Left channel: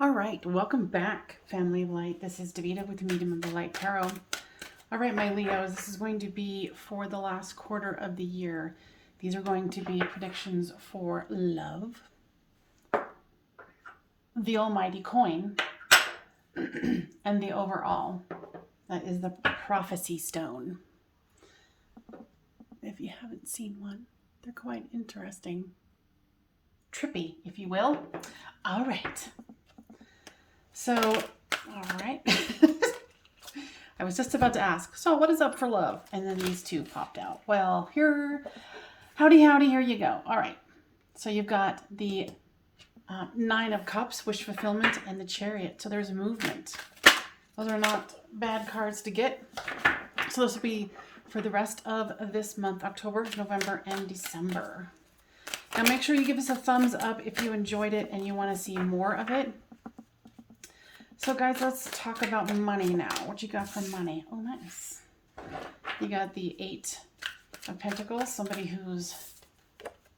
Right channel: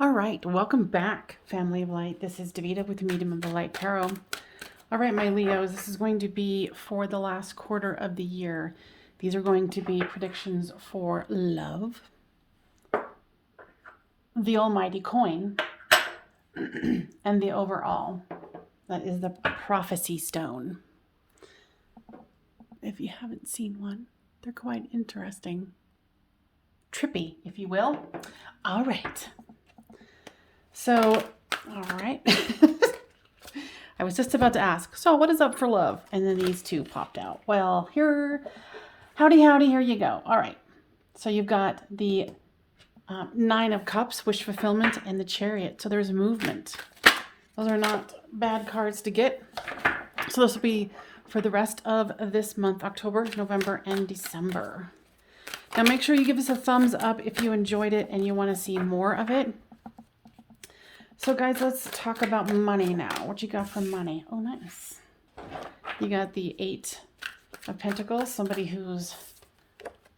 All right, welcome back, Family of Light. This is Davida with Medium of the Light Tarot. All right, my Leos, this is going to be for the last quarter of the year. These are going to be predictions for love, the almighty coin, and the overall. That is the prophecy stone. If you haven't seen one, they're quite interesting. Trippy, if you will. All right. So, all right. I was just about to ask, so what is up for love? And then these two popped out. Well, howdy, here you go. All right. So you've got the Nine of Cups, wish fulfillment, and the Chariot. So there's movement. Those are not bad cards to get. So this will be for the rest of this month, October, November, and December. Now make sure you give us a thumbs up if you enjoyed it and you want to see more of it. So guys, let's talk about money now. What you got for money? Oh, nice. You got the Eight of Pentacles, somebody who's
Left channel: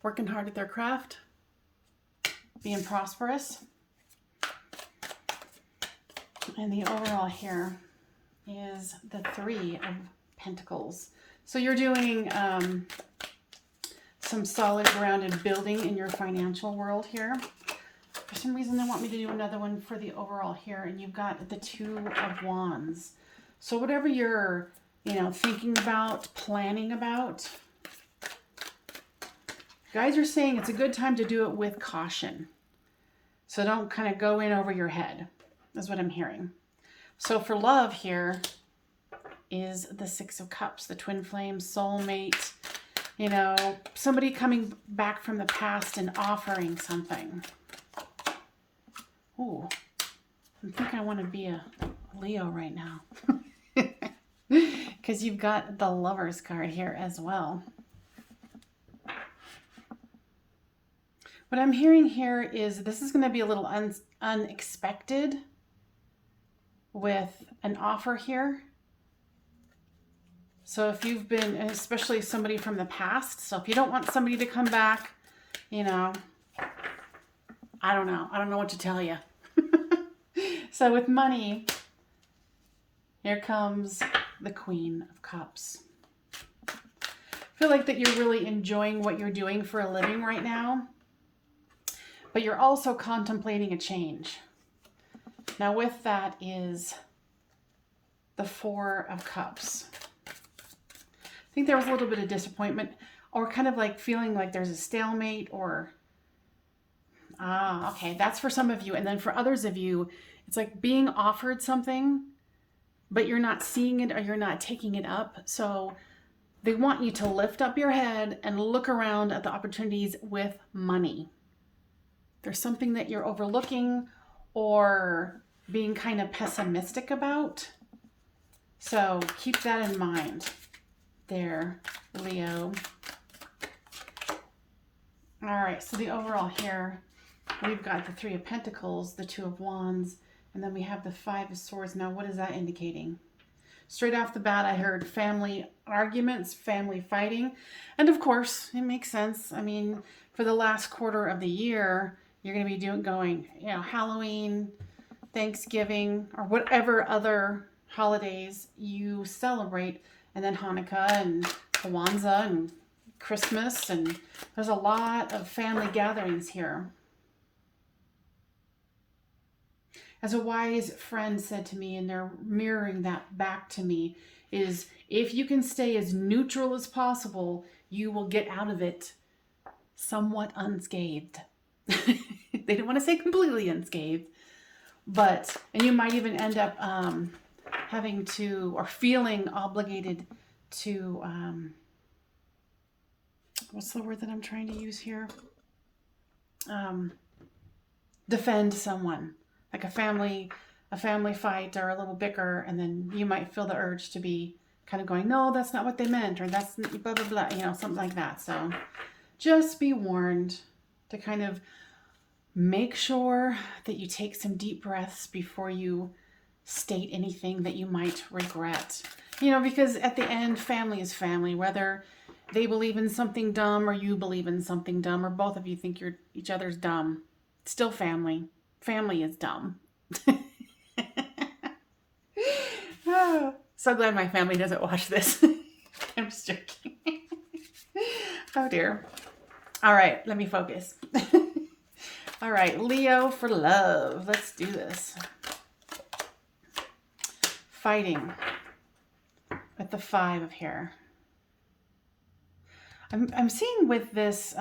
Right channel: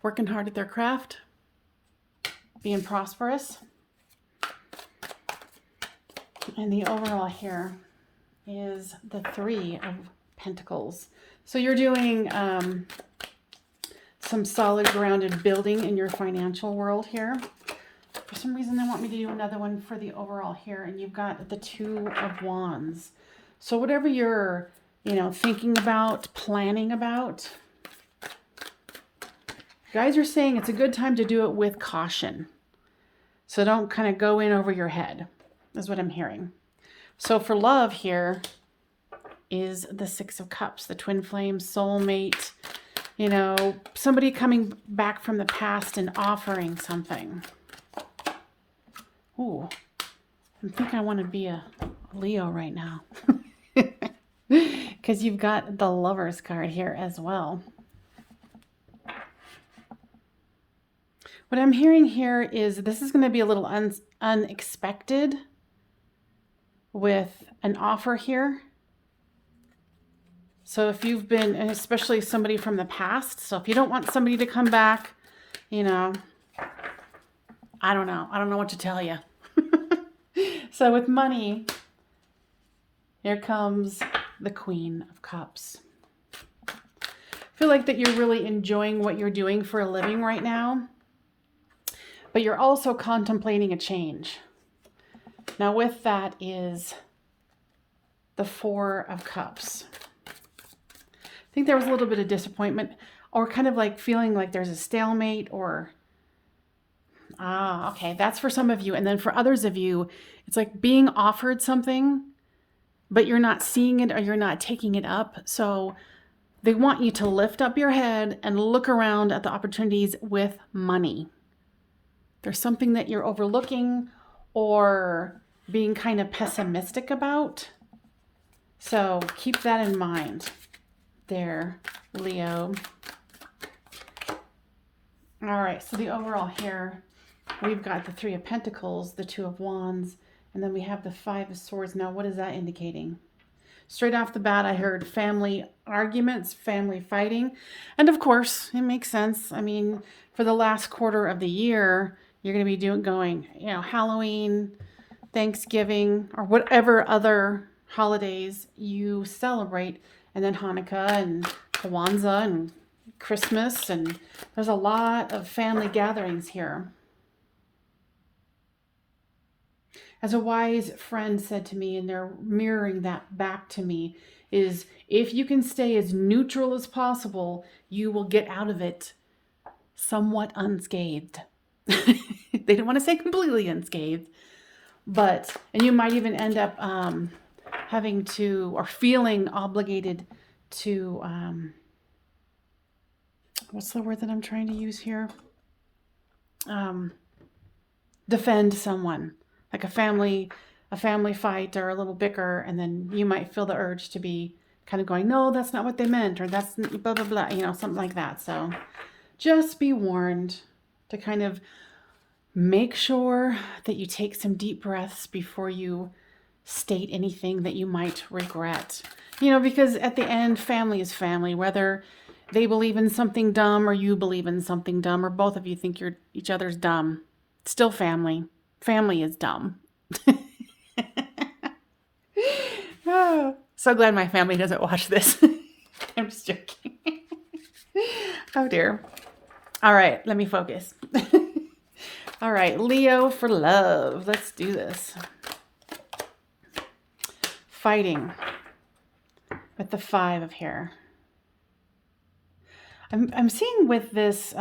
working hard at their craft, being prosperous. And the overall here is the Three of Pentacles. So you're doing some solid grounded building in your financial world here. For some reason, they want me to do another one for the overall here, and you've got the Two of Wands. So whatever you're, thinking about, planning about, guys are saying it's a good time to do it with caution. So don't kind of go in over your head, is what I'm hearing. So for love here is the Six of Cups, the twin flame, soulmate, somebody coming back from the past and offering something. Ooh, I think I want to be a Leo right now. Because you've got the Lovers card here as well. What I'm hearing here is this is going to be a little unexpected with an offer here. So if you've been, and especially somebody from the past, so if you don't want somebody to come back, I don't know what to tell you. So with money, here comes the Queen of Cups. I feel like that you're really enjoying what you're doing for a living right now, but you're also contemplating a change. Now with that is the Four of Cups. I think there was a little bit of disappointment or kind of like feeling like there's a stalemate or okay, that's for some of you. And then for others of you, it's like being offered something, but you're not seeing it or you're not taking it up. So they want you to lift up your head and look around at the opportunities with money. There's something that you're overlooking or being kind of pessimistic about. So keep that in mind there, Leo. All right, so the overall here, we've got the Three of Pentacles, the Two of Wands, and then we have the Five of Swords. Now, what is that indicating? Straight off the bat, I heard family arguments, family fighting. And of course, it makes sense. I mean, for the last quarter of the year, you're going to be going, Halloween, Thanksgiving, or whatever other holidays you celebrate. And then Hanukkah and Kwanzaa and Christmas. And there's a lot of family gatherings here. As a wise friend said to me, and they're mirroring that back to me, is if you can stay as neutral as possible, you will get out of it somewhat unscathed. They didn't want to say completely unscathed, and you might even end up having to, or feeling obligated to, what's the word that I'm trying to use here? Defend someone. Like a family fight or a little bicker, and then you might feel the urge to be kind of going, no, that's not what they meant, or that's blah, blah, blah, something like that. So just be warned to kind of make sure that you take some deep breaths before you state anything that you might regret. Because at the end, family is family, whether they believe in something dumb or you believe in something dumb, or both of you think each other's dumb. It's still family. family is dumb. Oh, so glad my family doesn't watch this. I'm just joking. Oh dear. All right, let me focus. All right, Leo for love. Let's do this. Fighting with the 5 of here. I'm seeing with this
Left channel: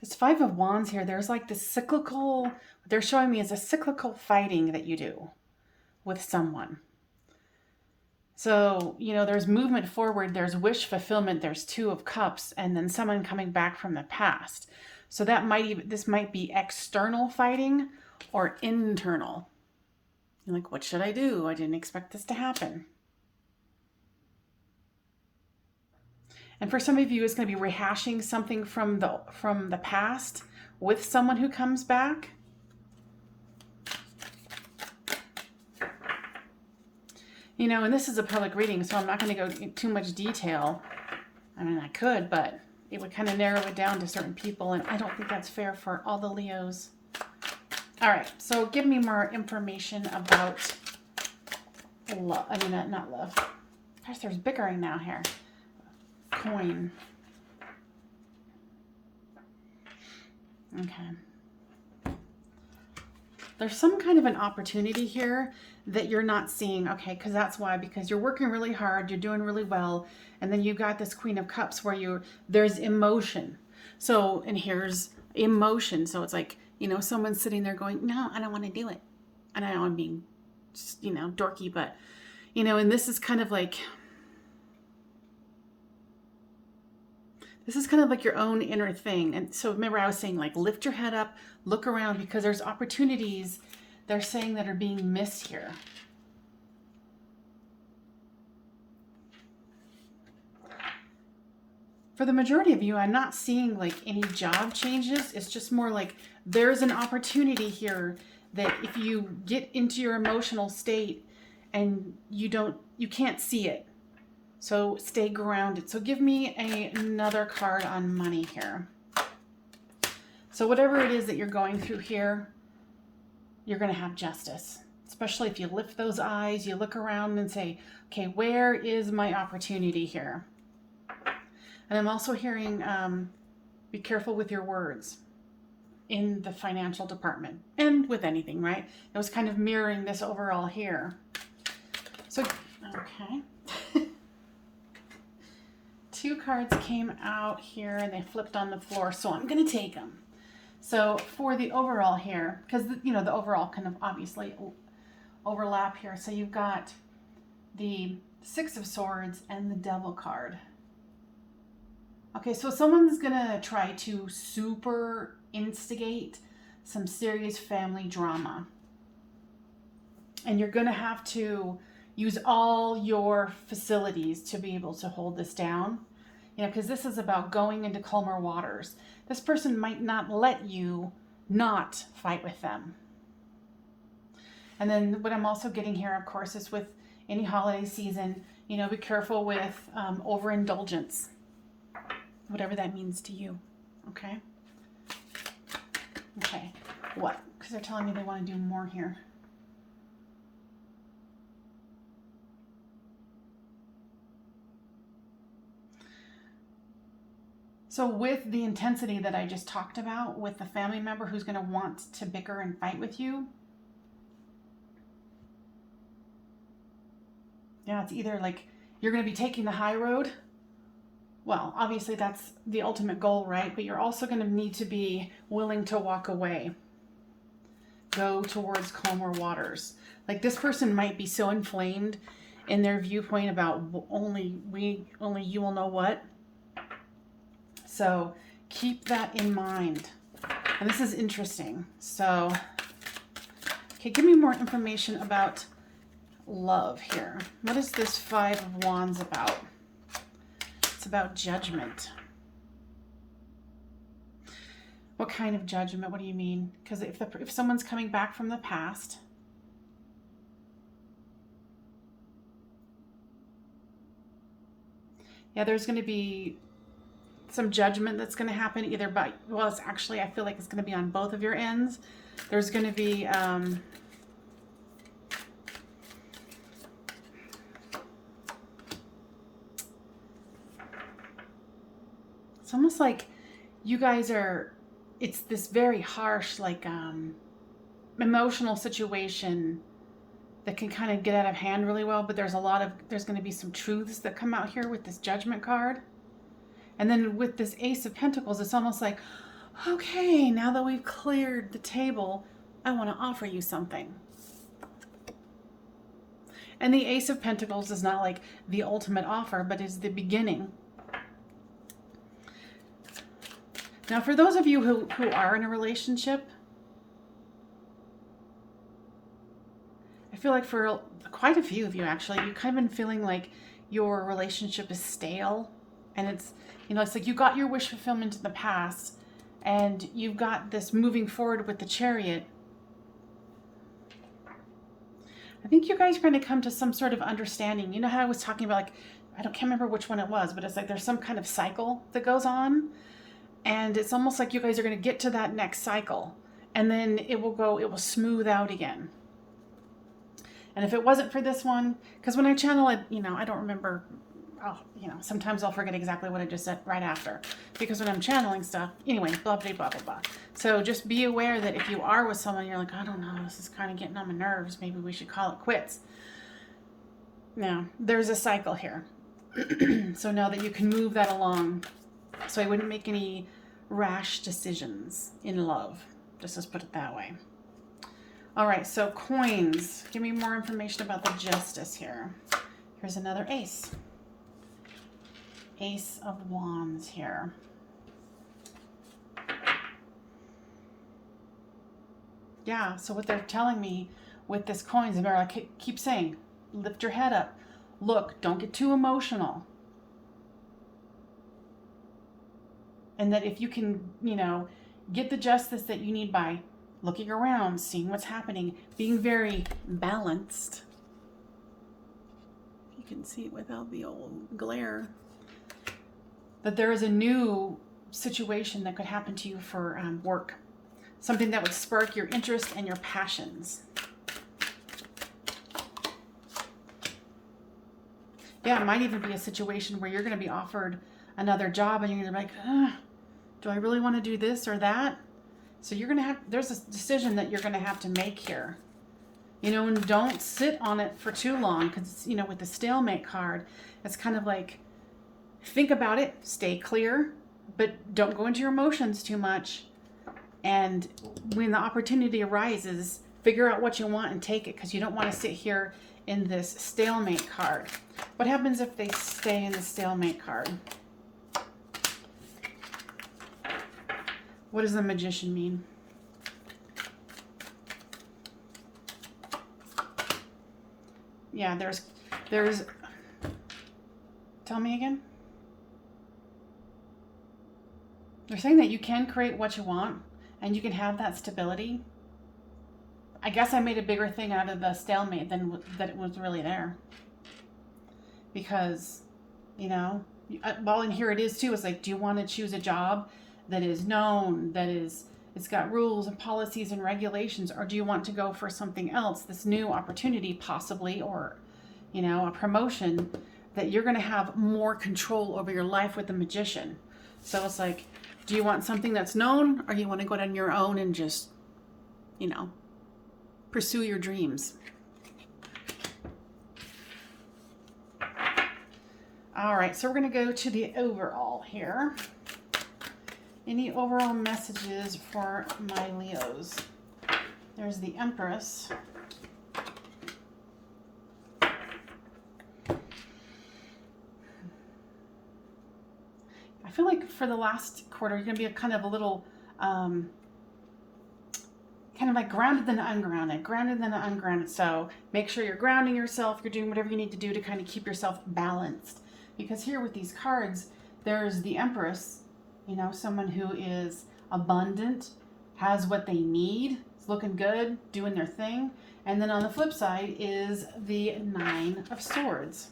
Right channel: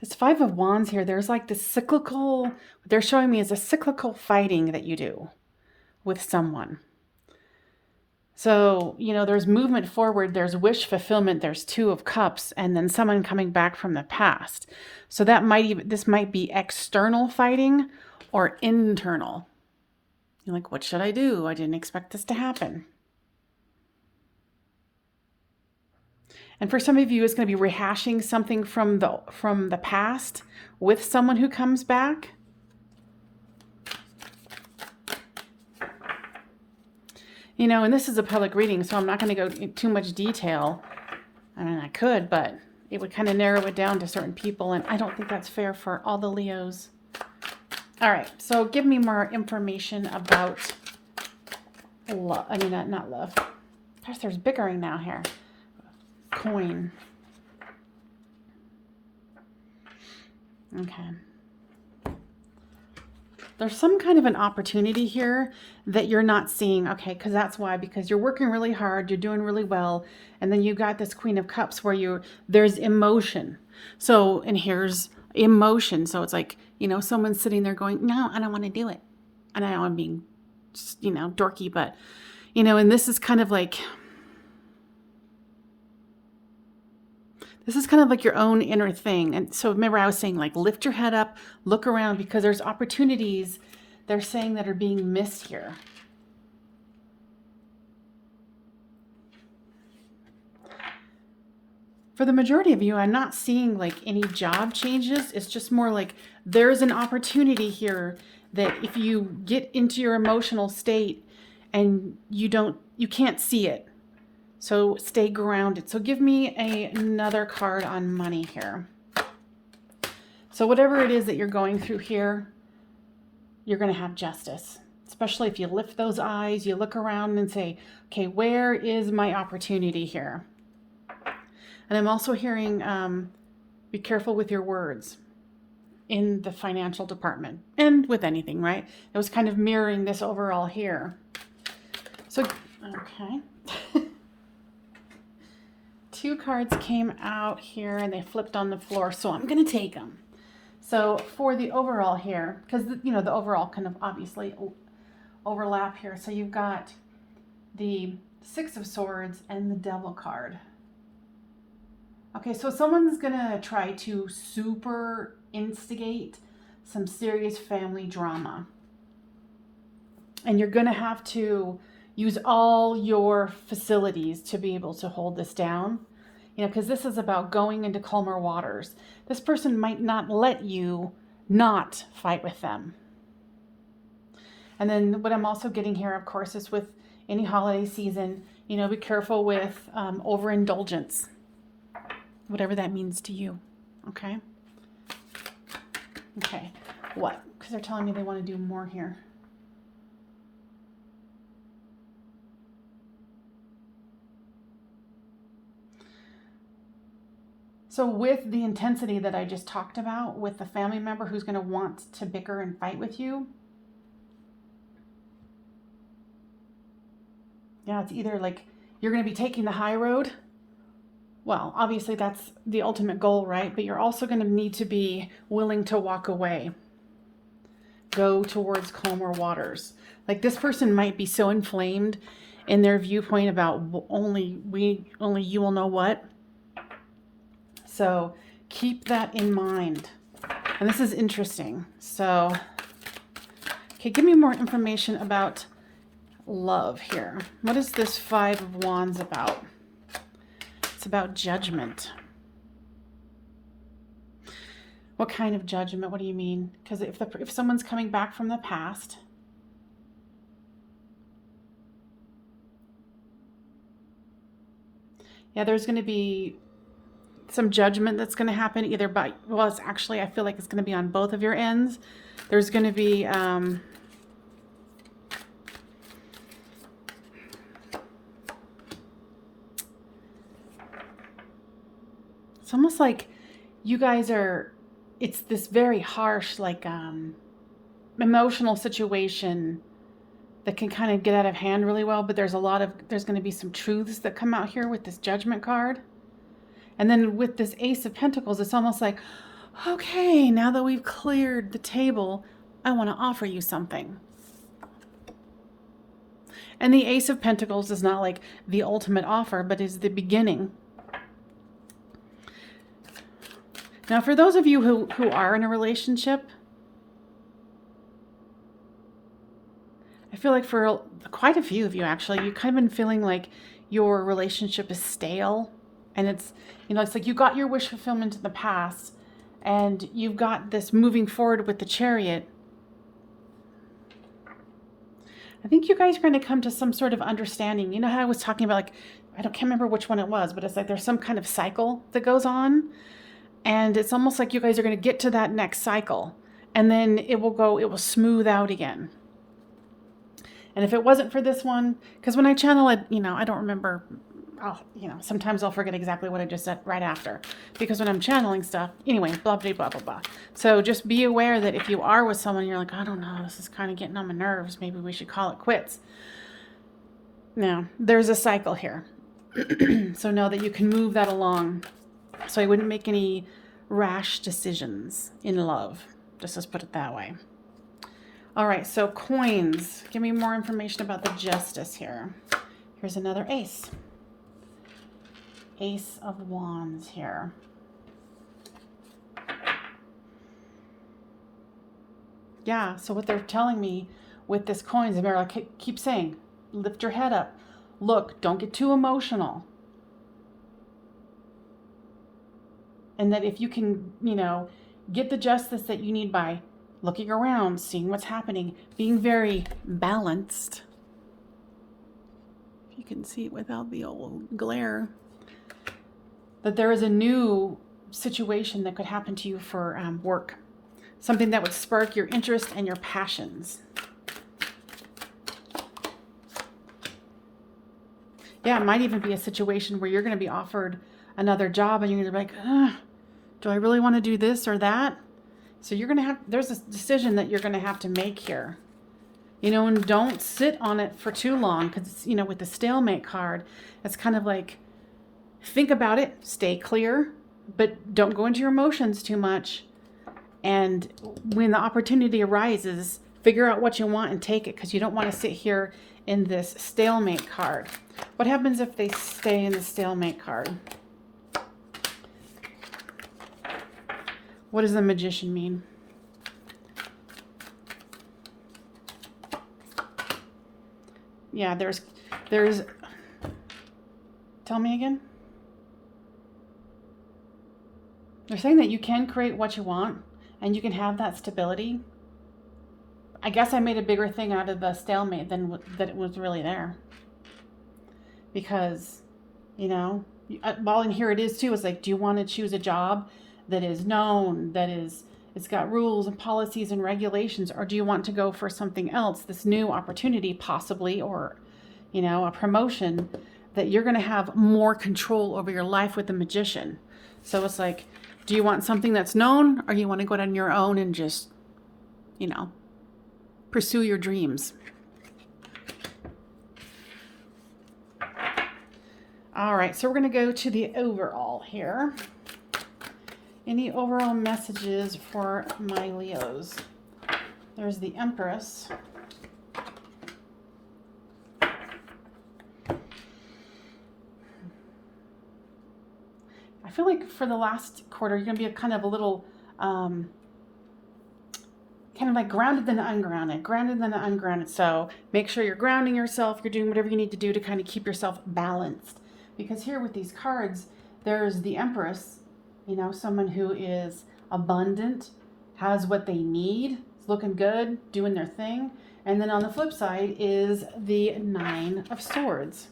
this 5 of Wands here, there's like this cyclical, what they're showing me is a cyclical fighting that you do with someone. So, you know, there's movement forward, there's wish fulfillment, there's 2 of Cups, and then someone coming back from the past. So that this might be external fighting or internal. You're like, what should I do? I didn't expect this to happen. And for some of you, it's going to be rehashing something from the past with someone who comes back. You know, and this is a public reading, so I'm not going to go into too much detail. I mean, I could, but it would kind of narrow it down to certain people, and I don't think that's fair for all the Leos. All right, so give me more information about love. I mean, not love. Gosh, there's bickering now here. Coin. Okay. There's some kind of an opportunity here that you're not seeing. Okay, because that's why. Because you're working really hard, you're doing really well, and then you got this Queen of Cups where there's emotion. So, and here's emotion. So it's like, you know, someone's sitting there going, no, I don't want to do it. And I know I'm being, you know, dorky, but, you know, and this is kind of like, this is kind of like your own inner thing. And so remember I was saying, like, lift your head up, look around, because there's opportunities they're saying that are being missed here. For the majority of you, I'm not seeing like any job changes. It's just more like there's an opportunity here that if you get into your emotional state and you can't see it. So stay grounded. So give me another card on money here. So whatever it is that you're going through here, you're going to have justice. Especially if you lift those eyes, you look around and say, okay, where is my opportunity here? And I'm also hearing, be careful with your words in the financial department and with anything, right? It was kind of mirroring this overall here. So, okay. 2 cards came out here and they flipped on the floor, so I'm going to take them. So for the overall here, because, you know, the overall kind of obviously overlap here. So you've got the 6 of Swords and the Devil card. Okay, so someone's going to try to super instigate some serious family drama. And you're going to have to use all your facilities to be able to hold this down. You know, because this is about going into calmer waters. This person might not let you not fight with them. And then what I'm also getting here, of course, is with any holiday season, you know, be careful with overindulgence, whatever that means to you. Okay? Okay. What? Because they're telling me they want to do more here. So with the intensity that I just talked about, with the family member who's going to want to bicker and fight with you, yeah, it's either like you're going to be taking the high road. Well, obviously that's the ultimate goal, right? But you're also going to need to be willing to walk away. Go towards calmer waters. Like this person might be so inflamed in their viewpoint about only you will know what. So keep that in mind. And this is interesting. So, okay, give me more information about love here. What is this 5 of Wands about? It's about judgment. What kind of judgment? What do you mean? Because if someone's coming back from the past, yeah, there's going to be some judgment that's going to happen either by, well, it's actually, I feel like it's going to be on both of your ends. There's going to be, it's almost like you guys are, it's this very harsh, like, emotional situation that can kind of get out of hand really well, but there's going to be some truths that come out here with this Judgment card. And then with this Ace of Pentacles, it's almost like, okay, now that we've cleared the table, I want to offer you something. And the Ace of Pentacles is not like the ultimate offer, but is the beginning. Now, for those of you who are in a relationship, I feel like for quite a few of you, actually, you've kind of been feeling like your relationship is stale. And it's, you know, it's like you got your wish fulfillment in the past and you've got this moving forward with the Chariot. I think you guys are going to come to some sort of understanding. You know how I was talking about, like, can't remember which one it was, but it's like there's some kind of cycle that goes on. And it's almost like you guys are going to get to that next cycle. And then it will smooth out again. And if it wasn't for this one, because when I channel it, you know, I don't remember, sometimes I'll forget exactly what I just said right after. Because when I'm channeling stuff, anyway, blah, blah, blah, blah, blah. So just be aware that if you are with someone, you're like, I don't know, this is kind of getting on my nerves. Maybe we should call it quits. Now, there's a cycle here. So know that you can move that along. So I wouldn't make any rash decisions in love. Just let's put it that way. All right, so coins. Give me more information about the Justice here. Here's another ace. Ace of Wands here. Yeah, so what they're telling me with this coins, and I keep saying, lift your head up. Look, don't get too emotional. And that if you can, get the justice that you need by looking around, seeing what's happening, being very balanced. If you can see it without the old glare. That there is a new situation that could happen to you for work. Something that would spark your interest and your passions. Yeah, it might even be a situation where you're going to be offered another job and you're going to be like, do I really want to do this or that? So you're going to there's a decision that you're going to have to make here. And don't sit on it for too long because, with the stalemate card, it's kind of like, think about it, stay clear, but don't go into your emotions too much. And when the opportunity arises, figure out what you want and take it because you don't want to sit here in this stalemate card. What happens if they stay in the stalemate card? What does the Magician mean? Yeah, there's, tell me again. They're saying that you can create what you want and you can have that stability. I guess I made a bigger thing out of the stalemate than that it was really there. Because, well, and here it is too. It's like, do you want to choose a job that is known, it's got rules and policies and regulations, or do you want to go for something else, this new opportunity possibly, or, a promotion that you're going to have more control over your life with the Magician. So it's like, do you want something that's known, or you want to go out on your own and just, pursue your dreams? All right, so we're going to go to the overall here. Any overall messages for my Leos? There's the Empress. I feel like for the last quarter, you're going to be kind of a little, kind of like grounded than ungrounded. So make sure you're grounding yourself. You're doing whatever you need to do to kind of keep yourself balanced. Because here with these cards, there's the Empress, someone who is abundant, has what they need, is looking good, doing their thing. And then on the flip side is the Nine of Swords.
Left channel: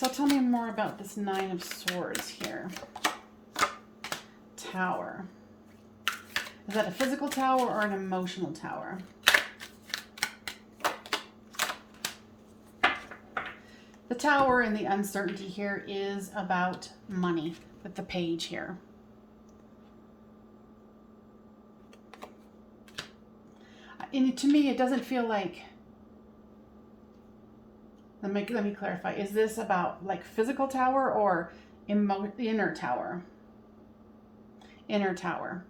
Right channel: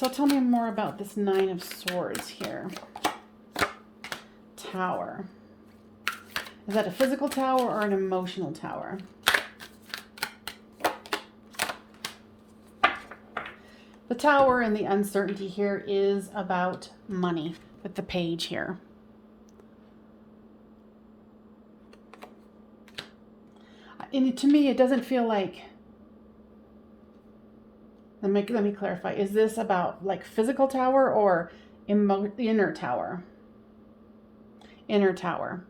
So tell me more about this Nine of Swords here. Tower. Is that a physical tower or an emotional tower? The tower and the uncertainty here is about money with the page here. And to me, it doesn't feel like, let me clarify. Is this about like physical tower or inner tower? Inner tower.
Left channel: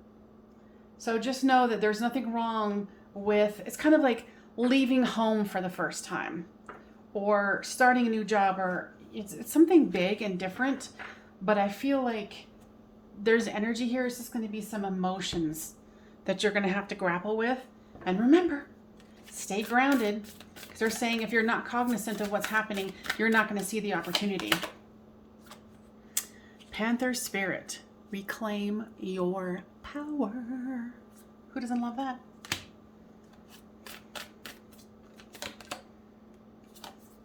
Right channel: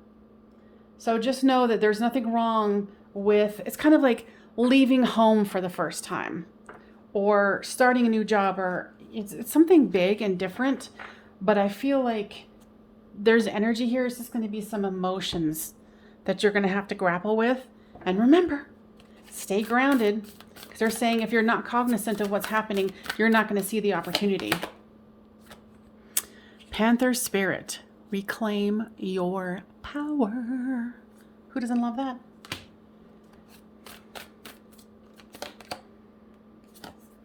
So just know that there's nothing wrong with, it's kind of like leaving home for the first time or starting a new job, or it's something big and different, but I feel like there's energy here. It's just going to be some emotions that you're going to have to grapple with. And remember, stay grounded, because they're saying if you're not cognizant of what's happening, you're not going to see the opportunity. Panther Spirit, reclaim your power. Who doesn't love that?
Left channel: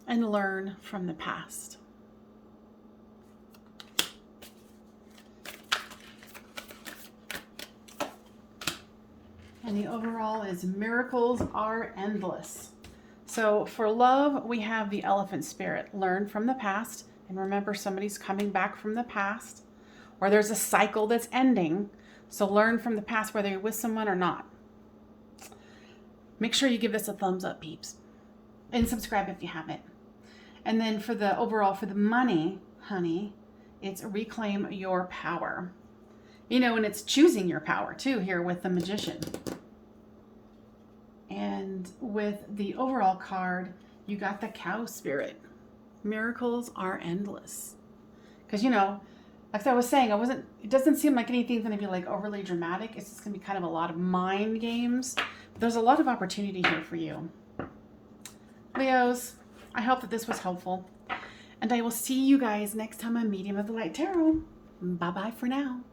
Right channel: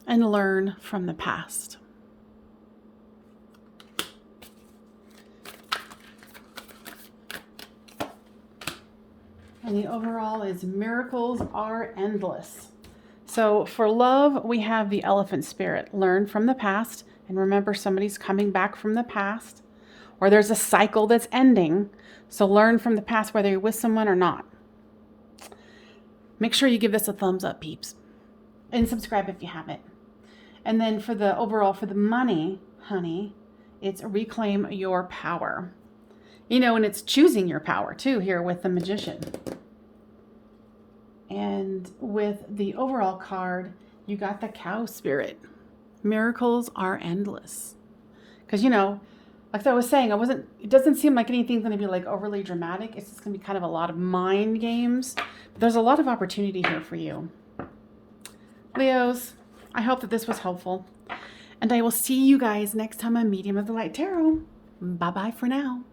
And learn from the past. And the overall is miracles are endless. So for love, we have the Elephant Spirit. Learn from the past. And remember, somebody's coming back from the past. Or there's a cycle that's ending. So learn from the past, whether you're with someone or not. Make sure you give this a thumbs up, peeps. And subscribe if you haven't. And then for the overall, for the money, honey, it's reclaim your power. You know, and it's choosing your power too here with the Magician. And with the overall card, you got the Cow Spirit. Miracles are endless. Because, you know, like I was saying, it doesn't seem like anything's going to be like overly dramatic. It's just going to be kind of a lot of mind games. But there's a lot of opportunity here for you. Leos, I hope that this was helpful. And I will see you guys next time on Medium of the Light Tarot. Bye-bye for now.